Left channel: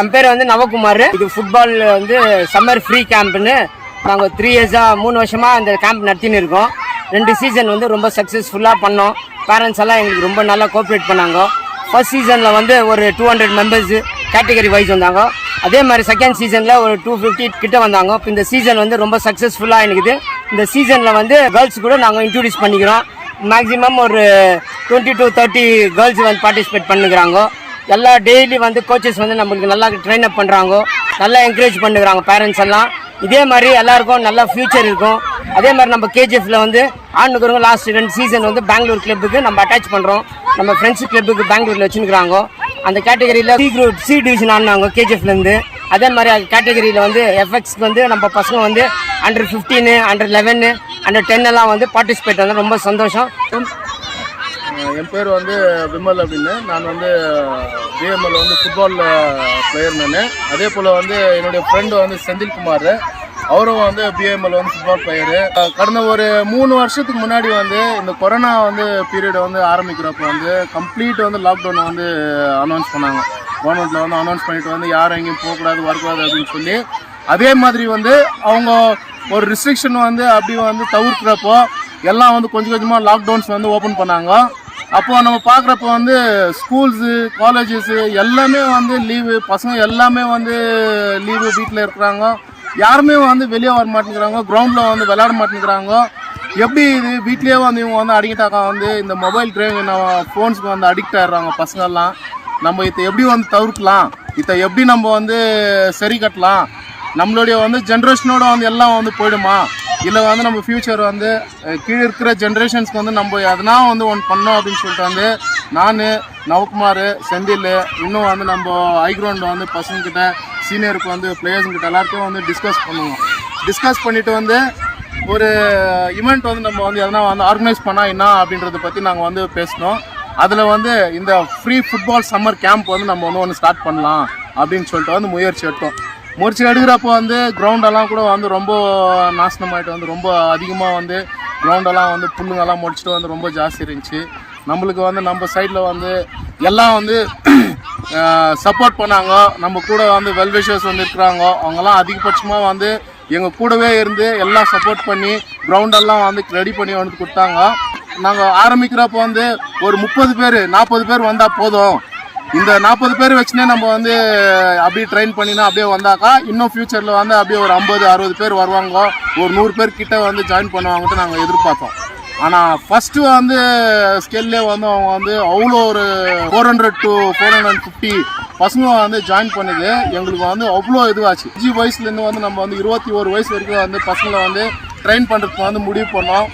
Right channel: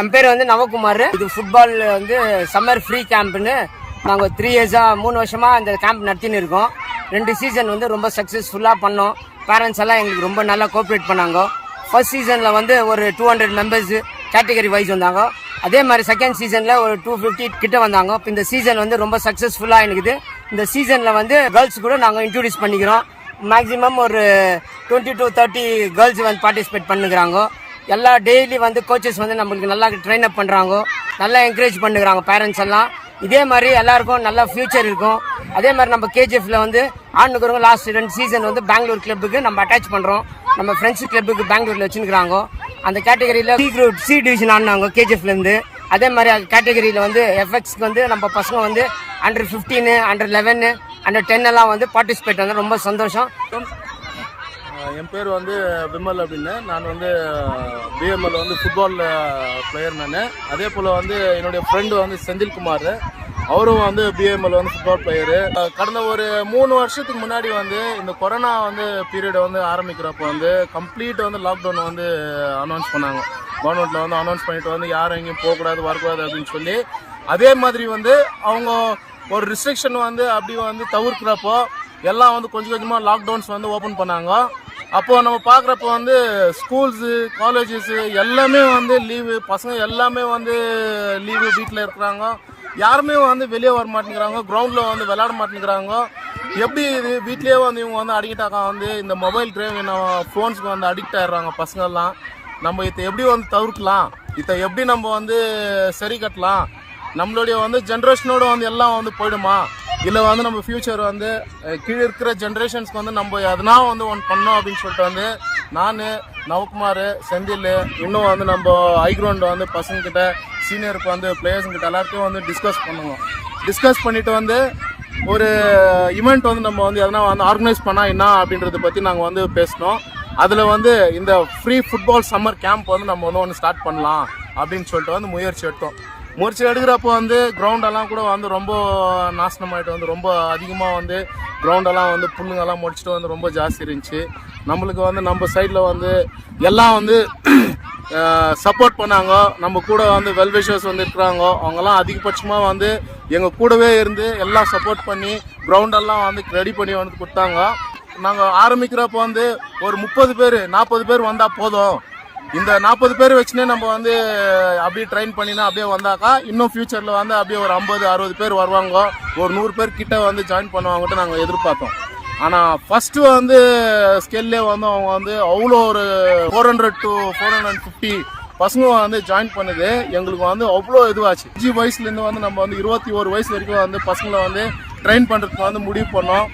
என் பேர் வந்து நவகுமார். இது ஃபுட்பால் வந்து சம்மர் ஃப்ரீ கேம்ப்னு நாங்கள் 3 இயர்ஸாக 3 வருஷமாக இந்த கேம்ப் நடத்தின்னு இருக்கோம். 2 சீசன் வந்து ரொம்ப சக்ஸஸ்ஃபுல்லாக பண்ணோம். பேரண்ட்ஸ் எல்லாம் எங்களுக்கு ரொம்ப நல்லா கோஆப்ரேட் பண்ணாங்க. ஃபர்ஸ்ட் சீசனில் வந்து ஒரு 200 மெம்பர்ஸ் கேட்டகரி வைஸ் வந்தாங்க. அதே மாதிரி செகண்ட் சீசனில் ஒரு 250 கிட்ட வந்தாங்க. இப்போ இந்த சீசன் வந்து ரொம்ப சக்ஸஸ்ஃபுல்லாக இருக்குது. இந்த சீசனில் வந்து கேர்ள்ஸ் கூட நாங்கள் இன்ட்ரடியூஸ் பண்ணிக்கிறோம். மேக்ஸிமம் ஒரு 20 to 30 கேர்ள்ஸ் வந்து பார்ட்டிசிபேட் பண்ணுறாங்க. எல்லா டெய்லி வந்து கோச்சஸ் வந்து நம்மளுக்கு நல்லா ட்ரெயின் அப் பண்ணுறாங்க, நல்லா என்கரேஜ் பண்ணுறாங்க பேரண்ட்ஸ் எல்லாம். இதே மாதிரி எல்லாருக்கும் நல்ல ஃபியூச்சர் இருக்கும். அதே மாதிரி நம்ம கேஜிஎஃப்ல வந்து ஆணுக்கிறவங்க லாஸ்ட் 2 சீசன் வந்து பெங்களூர் கிளப்புக்கு நம்ம அட்டாச் பண்ணுறோம். நம்ம ஃப்ரெண்ட்ஸ் கிளப்புக்கு பெங்களூரில் வச்சுருக்காங்க. அந்த கேட்டகரியில் சி டிவிஷன் ஆடினாங்க கேஜிஎஃப்லேருந்து. அதே மாதிரி அந்த கேட்டகரியில் வந்து எஃப்எக்ஸ்க்கு வந்து நம்ம பசங்க வந்து அண்டர் 15, அண்டர் 11, அண்டர் 10 எல்லாம் வந்து பார்ட்டிசிபேட் வந்து ரொம்ப சந்தோஷம். என் பேர் வந்து விமல் அப்படின்னு. நான் வந்து பிஎம்எல் வந்து ஃபுட்பால் பிளேயர் நான். அதே போல் வந்து என்னுடைய ஃப்ரெண்டு வந்து செந்தில்குமார், அவரும் வந்து பிஎம்எல் வந்து ஃபுட்பால் பிளேயரு. கடந்த ஒரு 3 வருஷத்துக்கு முன்னாடி வந்து இந்த கொரோனா வந்து பீரியடை வந்து ஆரம்பிக்கிறப்போ வந்து கம்ப்ளீட் வந்து லாக்டவுன் வந்து அனௌன்ஸ் பண்ணாங்க. கவர்மெண்ட்டில் வந்து அனௌன்ஸ் பண்ணிட்டு வந்து யாரும் எங்கேயும் போகக்கூடாது வரக்கூடாது அப்படின்னு சொல்லி, அதே மாதிரி வந்து அவங்க ஒரு ரிஸ்ட்ரிக்ஷன் வந்து அப்படி வந்து தவிர்க்கிறப்போ எல்லாம் வந்து கொஞ்சம் கொஞ்சமாக லாக்டவுன்ஸ் வந்து ஓப்பன் பண்ணாங்க. அப்போது நம்ம பார்க்குறப்ப வந்து ஸ்கூல்ஸு, காலேஜஸ்ஸு எல்லாமே வந்து லீவு, பசங்க எல்லாமே வந்து லீவு, வீட்டில் இருக்கிறாங்க. யாருமே வந்து வெளியே வர மாட்டேங்கிறாங்க, கிரவுண்டில் வந்து விளையாட மாட்டேங்கிறாங்க. எப்படி இது வீட்லேயே வந்து இவங்க வந்து அடிக்டாக்கா வந்து இந்த மொபைல் டிரைவிங் ஃபோன்ஸுக்கு வந்து அடிக்ட் ஆகிடுறாங்க பசங்கள்லாம். நம்ம இதை எப்படி வந்து தவிர்க்கலாம், இதை எப்படி நம்ம வந்து சரி கட்டலாம், நம்மளுடைய வந்து ஜென்ரேஷனோட வந்து எல்லாம் வந்து போயிடுமா, இல்லை வந்து நம்ம ஃப்யூச்சர் வந்து கீழே இருக்கிற ஜென்ரேஷன்ஸ்க்கு வந்து நம்ம எதனா வந்து ஒன்று பண்ணோம் அப்படின்னு சொல்லிட்டு வந்து நான், நவகுமார், செந்தில், இன்னும் வந்து நம்ம ஹைக்ரவுண்டில் வந்து பசங்கக்கிட்ட, சீனியருக்கு வந்து பிளேயர்ஸுங்கிட்ட எல்லாருக்கும் வந்து டிஸ்கஸ் பண்ணுவோம். டிஸ்கஸ் பண்ணிவிட்டு வந்து ஒரு ஈவெண்ட் வந்து நம்ம வந்து எதனா வந்து ஆர்கனைஸ் பண்ணால் என்ன அப்படின்றத பற்றி நாங்கள் வந்து பேசினோம். அதில் வந்து இந்த ஃப்ரீ ஃபுட்பால் சம்மர் கேம்ப் வந்து நம்ம ஒன்று ஸ்டார்ட் பண்ணலாம் அப்படின்னு சொல்லிட்டு வந்து முயற்சி எடுக்கிறப்போ வந்து கிரவுண்டெல்லாம் கூட வந்து ரொம்ப நாசனமாயிட்டு வந்து ரொம்ப அதிகமாக வந்து கிரவுண்டெல்லாம் வந்து புல்லுங்கெல்லாம் முடிச்சுட்டு வந்து ரொம்ப ஜாஸ்தி இருந்துச்சு. நம்மளுக்கு வந்து நம்ம சைடில் வந்து எல்லாம் வந்து சப்போர்ட் பண்ணாங்க. நம்ம கூட வந்து வெல்விஷர்ஸ் வந்து இருக்கிறாங்க. அவங்கெல்லாம் அதிகபட்சமாக வந்து எங்கள் கூடவே இருந்து எல்லாம் சப்போர்ட் பண்ணி கிரவுண்டெல்லாம் வந்து ரெடி பண்ணி வந்து கொடுத்தாங்க. நாங்கள் ஆரம்பிக்கிறப்போ வந்து ஒரு 30 பேர் 40 பேர் வந்தால் போதும், இந்த 40 பேர் வச்சுனே நம்ம வந்து அப்படியே ட்ரெயின் பண்ணினா அப்படியே வந்தாக்கா இன்னும் ஃப்யூச்சரில் வந்து அப்படியே ஒரு 50-60 பேர் வருவாங்க, ஒரு 100 பேர் கிட்ட வந்து ஜாயின் பண்ணுவாங்கன்ட்டு நாங்கள் எதிர்பார்த்தோம். ஆனால் ஃபஸ்ட்டு வந்து ஸ்கேல்லே வந்து அவங்க வந்து அவ்வளோ ஒரு 400 to 450 பசங்க வந்து ஜாயின் பண்ணுது. எங்களுக்கு வந்து அவ்வளோ இதுவாச்சு. 5 வயசுலேருந்து வந்து நம்ம வந்து 21 வயசு வரைக்கும் வந்து பசங்களை வந்து ட்ரெயின் பண்ணுறதுக்கு வந்து முடிவு பண்ணோம்.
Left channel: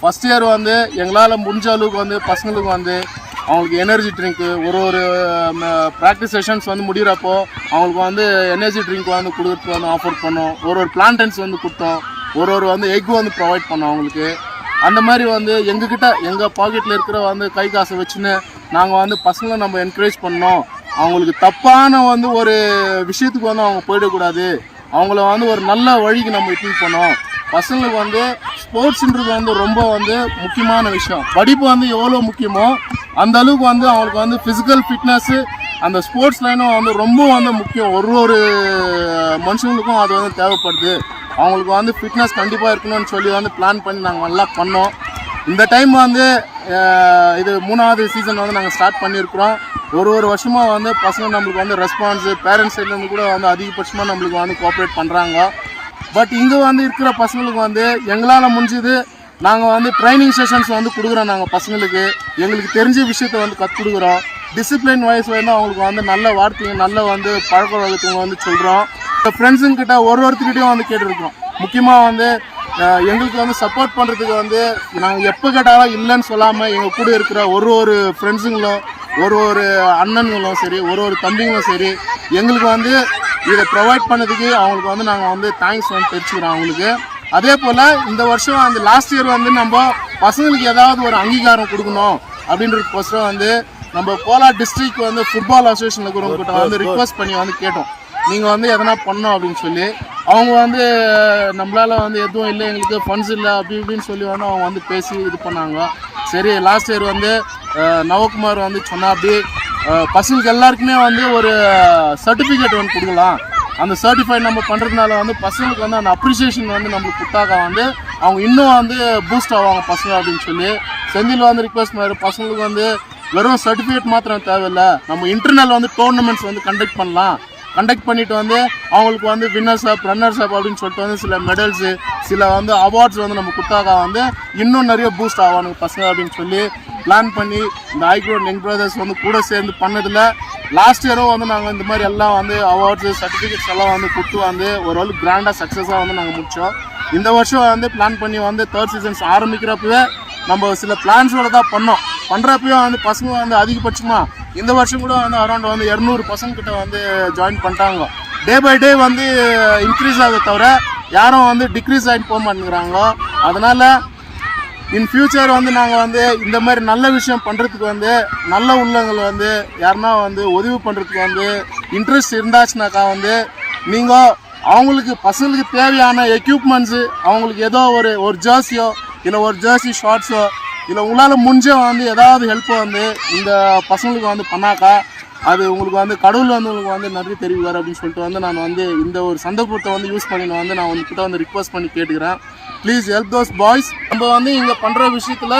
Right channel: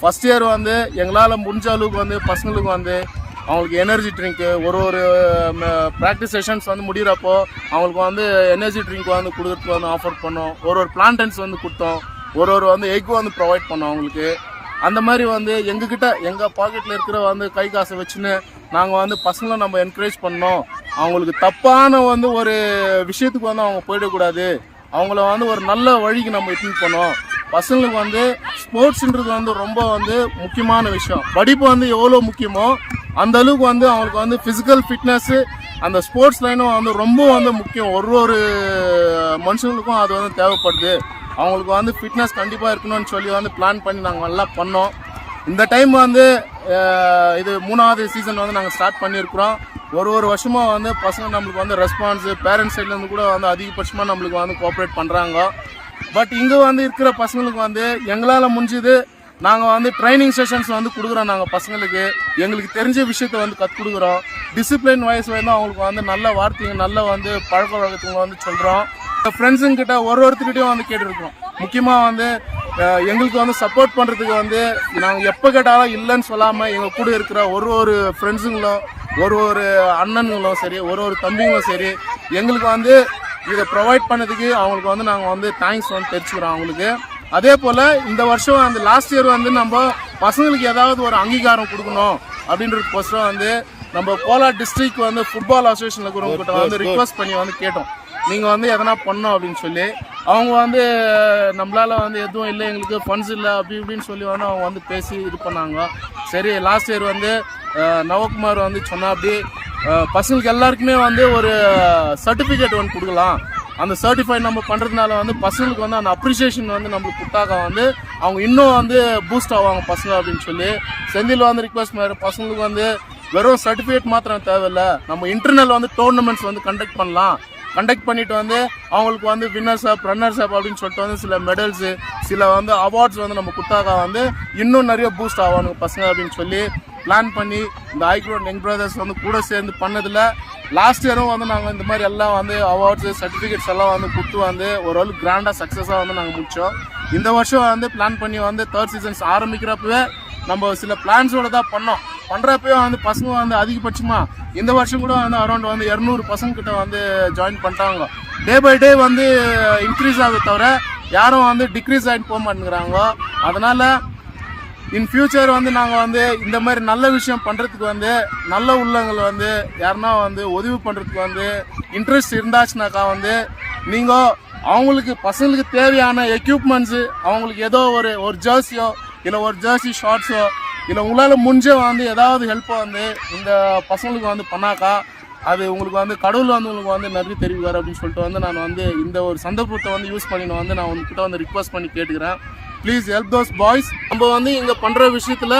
ஃபஸ்ட் இயர் வந்து எங்களால் முடிஞ்ச அளவுக்கு வந்து பசங்களுக்கு வந்து அவங்களுக்கு எனர்ஜி ட்ரிங்க்கு ஒரு ப்ராக்டிஸ் செஷன்ஸ் வந்து முடிகிறப்போ அவங்களுக்கு வந்து எனர்ஜி ட்ரிங்க் வந்து கொடுக்குறதுக்கு வந்து ஆஃபர் பண்ணோம். ஒரு பிளான்டன்ஸ் வந்து கொடுத்தோம். ஒரு வந்து எக் வந்து ப்ரொவைட் பண்ணோம் அவங்களுக்கு. அந்த மாதிரி வந்து எங்ககிட்ட எங்கள் பாக்கெட்டில் இருக்கிற வந்து கை காசை வச்சுன்னு நாங்கள் வந்து பசங்களை நம்ம என்கரேஜ் பண்ணோம். அவங்களுக்கு தப்பான வந்து ஒரு விஷயத்துக்கு வந்து அவங்க போயிடக்கூடாது, அவங்கள வந்து ஒரு நல்ல வழிக்கு நம்ம இட்டுன்னு பண்ணோம். பசங்களுக்கு வந்து ஸ்போர்ட்ஸுன்றது வந்து ரொம்ப வந்து முக்கியமான விஷயம். படிப்பு வந்து எவ்வளோ முக்கியமோ அந்த அளவுக்கு வந்து அவங்களுக்கு வந்து ஃபிசிக்கல் ஃபிட்னஸ்ஸு அந்த ஸ்போர்ட்ஸ் லைனும் வந்து ரொம்ப வந்து முக்கியம். ஒரு மனுஷங்களுக்கும் அது வந்து தேவைப்படுது. அவங்களுக்கு வந்து ஃபிட்னஸ் கண்டிப்பாக இருக்கணும்னு சொல்லி வந்து பிளான் பண்ணி நாங்கள் நல்லா பண்ணோம். இந்த டைம் வந்து இது 3வது சீசன் வந்து நாங்கள் ஸ்டார்ட் பண்ணியிருக்கிறோம். ஒரு வருஷமாக வந்து பசங்க நம்மளுக்கு வந்து ரெஸ்பான்ஸு பேரண்ட்ஸ் சைட்லேருந்து கூட வந்து அதிகபட்சமாக நம்மளுக்கு வந்து கோஆப்ரேட் பண்ணுறாங்க. பட் இங்கே வந்து இருக்கிற பசங்களுக்கு வந்து எங்களால் முடிஞ்சது நாங்கள் வந்து ட்ரைனிங் செஷன்ஸ் வந்து கொடுக்குறோம். நாங்கள் பசங்களுக்கு எங்களுக்கு தெரிஞ்ச விஷயத்தை வந்து கற்றுக் கொடுக்குறோம். டிசிப்ளின் வைஸ் வந்து அவங்களுக்கு வந்து நல்ல வார்த்தைங்க, நல்ல வந்து பழக்க வழக்கத்துவங்க வந்து சொல்கிறோம். ஃப்ரெண்ட்ஸுங்கிட்ட ஒருத்தர்கிட்டையும் வந்து கேட்டுருக்கிறோம். முக்கியமாக வந்து எங்களுக்கு வந்து சப்போர்ட் பண்ணுறதுக்கு வந்து நாங்கள் எப்போ கேட்டாலும் இல்லைன்னு சொல்லாமல் எங்கள் கூட இருக்கிற ஒரு ஃப்ரெண்ட்ஸுங்களும் ஒரு அண்ணன்களும் சரி, ஒரு தம்பிங்களும் சரி, எங்களுக்கு வந்து இதை ப்ரொவைட் பண்ணதுக்கு அவங்களுக்கு வந்து நாங்கள் வந்து தேங்க்ஸ் வந்து தெரிவிச்சுக்கிறோம் அவங்களுக்கு. அதே போல் இந்த வருஷம் அந்த லாஸ்ட் இயர் வந்து நம்ம பசங்களுக்கு ஏதாவது ஒரு அங்கீகாரம் கொடுக்கணும் அப்படின்றதுக்கோசரம் வந்து நம்ம கோலார் டிஸ்ட்ரிக்ட் வந்து ஃபுட்பால் அசோசியேஷனில் இருக்கிறவங்ககிட்ட வந்து ரிக்வஸ்ட் பண்ணி வந்து கேட்டோம், நீங்கள் வந்து எதனா பண்ணோம் அப்படின்னு சொல்லி. அவங்க வந்து நம்மளால் வந்து எதுவும் இல்லை, எங்களுக்கு ஃபண்ட்ஸ் இல்லை அப்படி இப்படின்னு சொல்லி வந்து அவங்க வந்து பேசி இது பண்ணாங்க. சரி, லாஸ்ட் இயர் வந்து நவகுமார் வந்து சொன்னா அப்படி பசங்களுக்கு எல்லாருக்குமே வந்து ஒரு சர்டிஃபிகேட் வந்து கொடுக்கலாம். அந்த சர்டிஃபைட் நம்ம பண்ணுறதுனால வந்து பசங்களுக்கு வந்து அந்த அப்ரிசியேஷன் வந்து நம்மளுக்கு கொடுத்தாக்க வந்து அவங்க இன்னும் வந்து பூஸ்ட் ஆவாங்க பசங்க அப்படின்னு சொல்லி செந்தில் வந்து ரிக்வெஸ்ட் பண்ணாரு. பசங்களுக்கு வந்து வெறும் சர்டிஃபிகேட் மாத்திரம் தேவையில்லை, நம்ம இன்டர்னல் வந்து டோர்னமெண்ட்ஸ் வந்து கண்டக்ட் பண்ணலாம். கண்டக்ட் பண்ணிட்டு வந்து அவங்களுக்கு வந்து வின்னர்ஸ் அப் ரன்னர்ஸ் அப் அப்படின்னு சொல்லிட்டு வந்து சில மெடல்ஸு சில வந்து அவார்ட்ஸ் வந்து நம்ம கொடுத்தாக்கா வந்து இன்னும் நிறைய பூஸ்ட் ஆவானுங்க பசங்க அப்படின்னு சொல்லி பிளான் பண்ணி இந்த ஐக்ரோட் யங் பிரதர்ஸ் வந்து கூட சேர்ந்து பண்ணதில் லாஸ்ட் இயரும் வந்து நாங்கள் இந்த மாதிரி எல்லாம் வந்து அவார்ட்ஸு சர்டிஃபிகேட்ஸ் எல்லாம் வந்து கொடுத்து வந்து ஓரளவுக்கு கிராண்டாக சக்ஸஸாக வந்து நாங்கள் முடித்தோம். இந்த வருஷம் வந்து பிளான் பண்ணி வந்து 3rd சீசன்ஸ் ஆரம்பிக்கிறப்பவே நம்ம சில பிளான்ஸோட தான் பண்ணுறப்பயும் வந்து பசங்க வந்து அதிகபட்சமாக இந்த வருஷம் கூட வந்து அரௌண்ட் வந்து 200 பசங்க கிட்ட வந்து ஜாயின் பண்ணிட்டாங்க. டே பை டே வந்து இன்க்ரீஸ் ஆகுது தவிர யாரும் வந்து டிக்ரீஸ் ஆகிட்டு போக மாட்டேங்கிறாங்க. அதனால் இன் ஃபியூச்சர் வந்து நாங்கள் வந்து இந்த மாதிரி நல்ல விஷயம் பண்ணுறதுக்கு வந்து நல்ல உள்ளங்கள் வந்து யாருன்னா வந்து உதவி பண்ணுறதுக்கு வந்து இன்ட்ரெஸ்ட் இருந்தாச்சுனாக்கா வந்து நீங்கள் அவங்களுக்கு பசங்களுக்கு தேவையான எக்யூப்மெண்ட்ஸு அவங்களுக்கு ஏதோ ஒரு ஜெர்சியோ இல்லை ஒரு ஜெர்சி ஷார்ட்ஸோ இல்லை உங்களால் முடிஞ்ச வந்து ஏதாவது ஹெல்ப்பை வந்து இந்த பசங்களுக்கு வந்து பண்ணாக்கா அது உங்களுக்கு வந்து கடவுள் வந்து உங்களுக்கு வந்து நன்றி தெரிவிக்கார் அப்படின்னு சொல்லிட்டு வந்து நான் வந்து இந்த ஒரு சந்தர்ப்பத்தை வந்து யூஸ் பண்ணி வந்து நான் உங்ககிட்ட வந்து ரிக்வெஸ்ட் பண்ணி கேட்டுக்கிறேன். Please help those boys. நம்ம வந்து இங்கே பண்ணுற விஷயத்தில்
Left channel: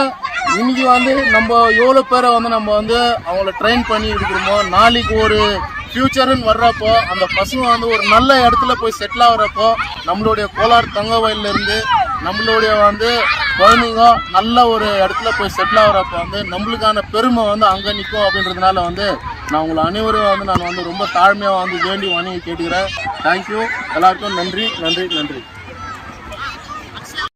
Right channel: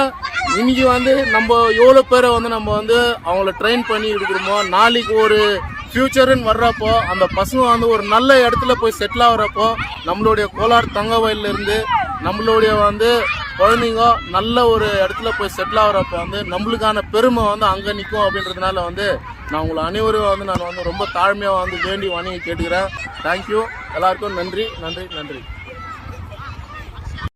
இன்றைக்கி வந்து நம்ம எவ்வளோ பேரை வந்து நம்ம வந்து அவங்கள ட்ரெயின் பண்ணி இருக்கிறோமோ நாளைக்கு ஒரு ஃப்யூச்சருன்னு வர்றப்போ அந்த பசங்க வந்து ஒரு நல்ல இடத்துல போய் செட்டில் ஆகிறப்போ நம்மளுடைய கோலார் தங்க வயல்லேருந்து நம்மளுடைய வந்து குழந்தைங்க நல்ல ஒரு இடத்துல போய் செட்டில் ஆகிறப்போ வந்து நம்மளுக்கான பெருமை வந்து அங்கே நிற்கும் அப்படின்றதுனால வந்து நான் உங்களை அனைவரும் வந்து நான் வந்து ரொம்ப தாழ்மையாக வந்து வேண்டி வணங்கி கேட்டுக்கிறேன். தேங்க்யூ. எல்லாருக்கும் நன்றி நன்றி நன்றி.